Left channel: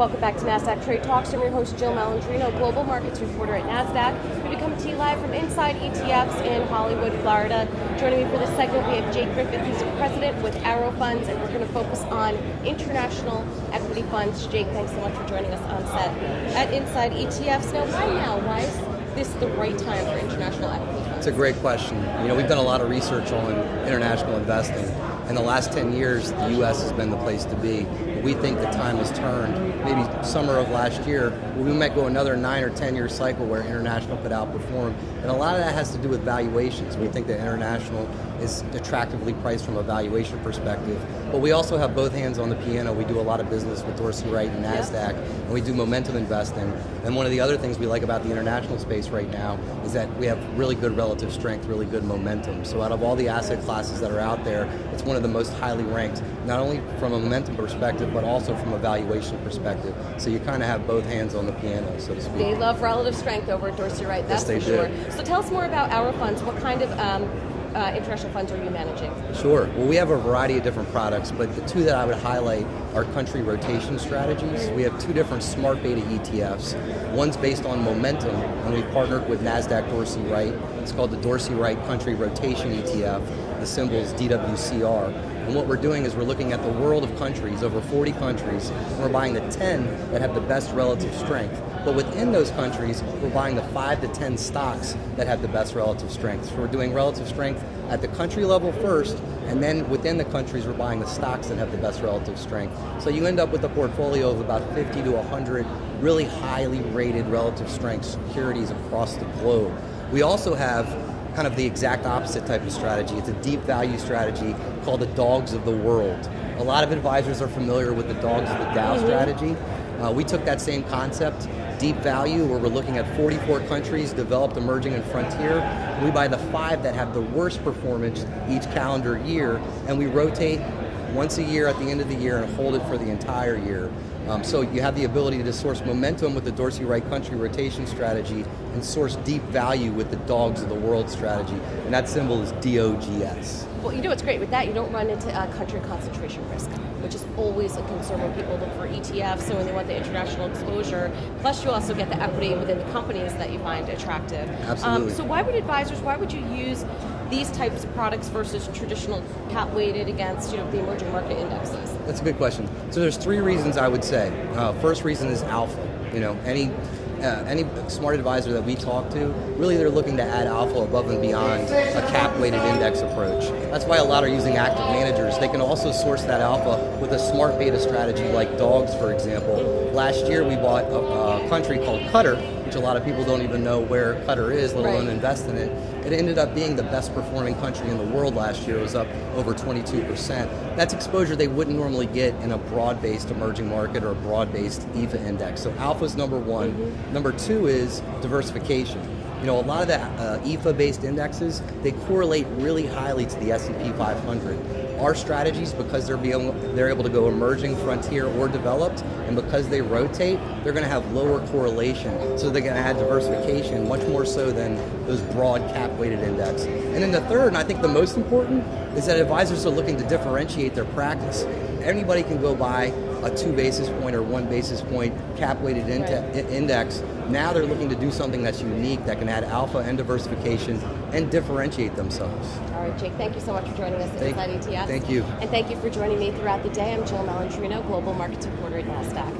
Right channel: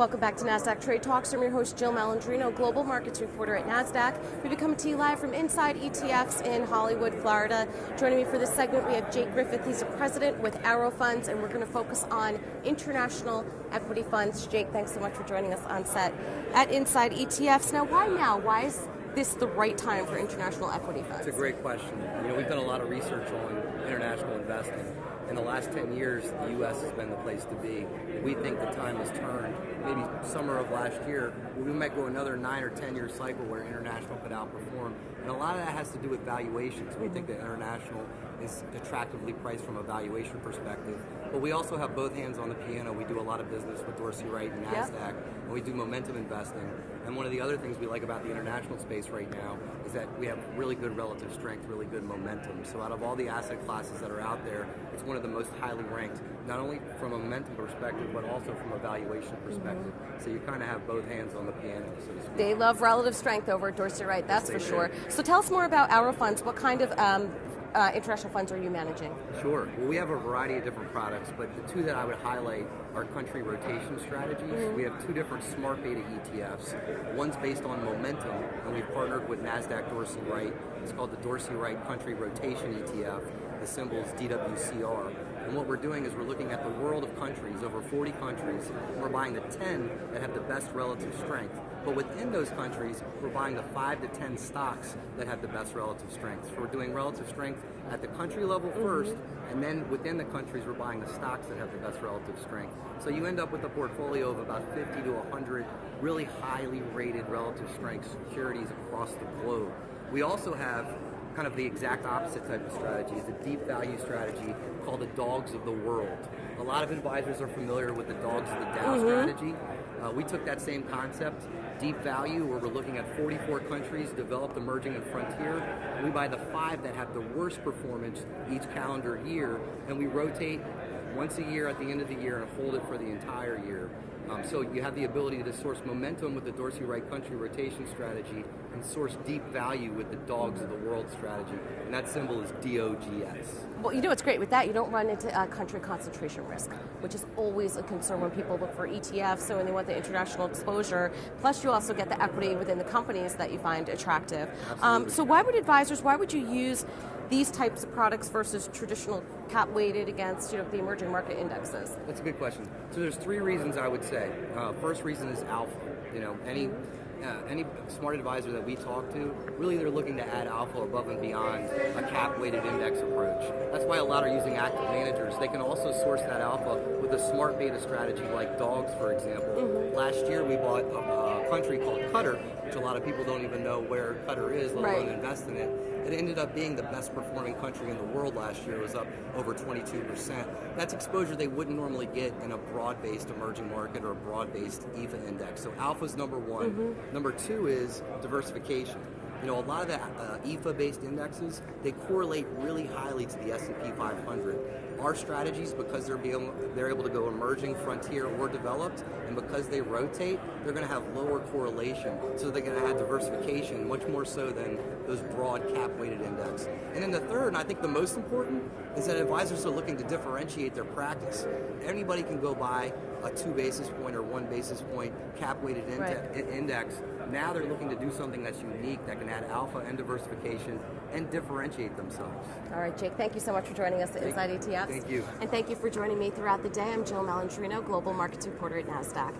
Welcome back to Nasdaq Trade Talks. I'm your host, Jill Malandrino, Global Markets Reporter at Nasdaq. We're going to come to you live from Inside ETFs in Hollywood, Florida. Joining me for this segment, we have Jake Griffith. He's a president with Arrow Funds, and we're going to focus on international equity funds. Jake, thanks so much for joining us on set at Inside ETFs. Now, why now? Why is this the right time for international equity funds? It's a great question. We've done a lot of research on international investing. In the last 10 years, the U.S. has been the place to be. But we think the time has turned. Maybe summer of last year, we might go another 9 or 10 year cycle where international could outperform. And a lot of that has to do with valuations. We think that international is attractively priced from a valuation perspective. But we also have both hands on the piano. We do a lot of business with Dorsey Wright and Nasdaq, and we do momentum investing. And one of the other things we like about the international space right now is that we have really good relative strength, really good momentum. So out of all the asset classes that are out there, it's one of the most highly ranked, not only from a momentum perspective, but also from a valuation perspective. So you kind of have both hands on the piano, so to speak. They love relative strength over at Dorsey Wright, that's for sure. So tell us more about our funds. What kind of international funds are you managing? Sure. Well, we have a variety of different products, but the two that I would highlight are country rotation strategies. We have two different smart beta ETFs. One's based on momentum, and we've partnered with Nasdaq Dorsey Wright. It's called the Dorsey Wright Country Rotation ETF. The symbol is DWCR. And what we're doing is we're looking at the world of countries, over 40 countries, and we're buying the 10 that have the best relative strength. But within those countries, we're buying the 5 to 10 stocks that have the best relative strength. So we're doing relative strength at the country level first, and then within the countries, we're buying the stocks that have the best relative strength. So you end up with a portfolio of about 50 to 100 really highly rated relative strength securities across the globe. We also have kind of the exact opposite type of strategy. It's a deep value strategy called the dogs of the world. A lot of advisors are familiar with the dogs of the Dow strategy. We took that same concept, deep value, where we're looking at 44 countries, developed, emerging, and frontier. We buy the 5 that have the worst performance each calendar year, and we rotate once a year at the end of the year and hold it for the entire year. So you have the ability to source momentum with the Dorsey Wright Country Rotation strategy and source deep value with the Dogs of the World strategy, and that symbol is DOGS. Well, what's great with that, you don't run into country concentration risk, which is always a concern when people look for ETFs, so when they want the international exposure. Plus, you also get the equity within the companies that you find attractive. Absolutely. So why would you use these types of products versus traditional cap weighted against the emerging market indexes? That's a good question. So there's 3 reasons I would say. First reason is alpha. Any smart advisor that we talk to, really they're looking to add alpha above and beyond a cap-weighted index approach. That's why a lot are using active managers. They can also source that alpha with a smart beta strategy like dogs, for example. Last year we bought a country called Qatar, which a lot of people don't even know where Qatar is, let alone invest in it. It ended up being the best performing country in the world last year. It was up over 22%. That's exposure they wouldn't normally get in a broad-based emerging market or a broad-based EFA index. So alpha is number 1. Number 2 is diversification. A lot of the EFA-based indexes, they correlate really highly to the S&P 500. Our strategies, because they're able to go emerging, frontier, or developed, and because they rotate, they're going to have lower correlation. So they're going to add diversification much more so than those broad cap-weighted index. And then the third, and I think the most important, is that advisors are looking to differentiate their practice. Anybody can go buy a 2 basis point or 1 basis point cap-weighted index. Now they're looking to do something that's unique, that can add alpha and diversification and differentiate themselves. All right, Jake, thank you so much for joining us at Inside ETFs. Thank you. And thank you for joining me throughout the day. I'm Jill Malandrino, Global Markets Reporter at Nasdaq.